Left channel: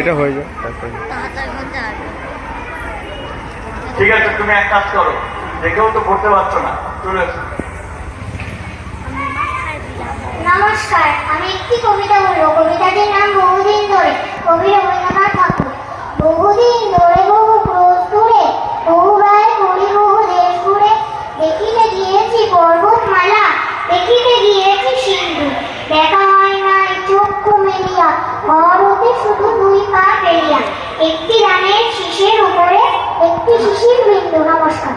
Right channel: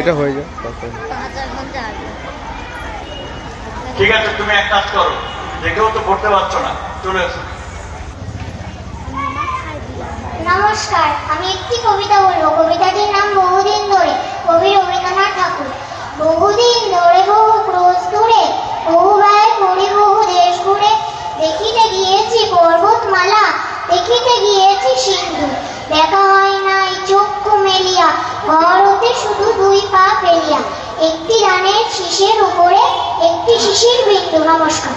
এটা হয়ে যায় তারপরে। ঠিক আছে, তুমি এক কাজ করো, দেখেও তো পড়তে পারছো না, চলে এসো। নমস্কার, আমি একটি কবিতা বলবো। কবিতাটির নাম বহুদিন ধরে, কবি রবীন্দ্রনাথ ঠাকুর। বহুদিন ধরে বহু ক্রোশ দূরে, বহু ব্যয় করি বহু দেশ ঘুরে, দেখিতে গিয়েছি পর্বতমালা, দেখিতে গিয়েছি সিন্ধু, দেখা হয় নাই চক্ষু মেলিয়া, ঘর হতে শুধু দুই পা ফেলিয়া, একটি ধানের শীষের উপরে একটি শিশির বিন্দু। নমস্কার।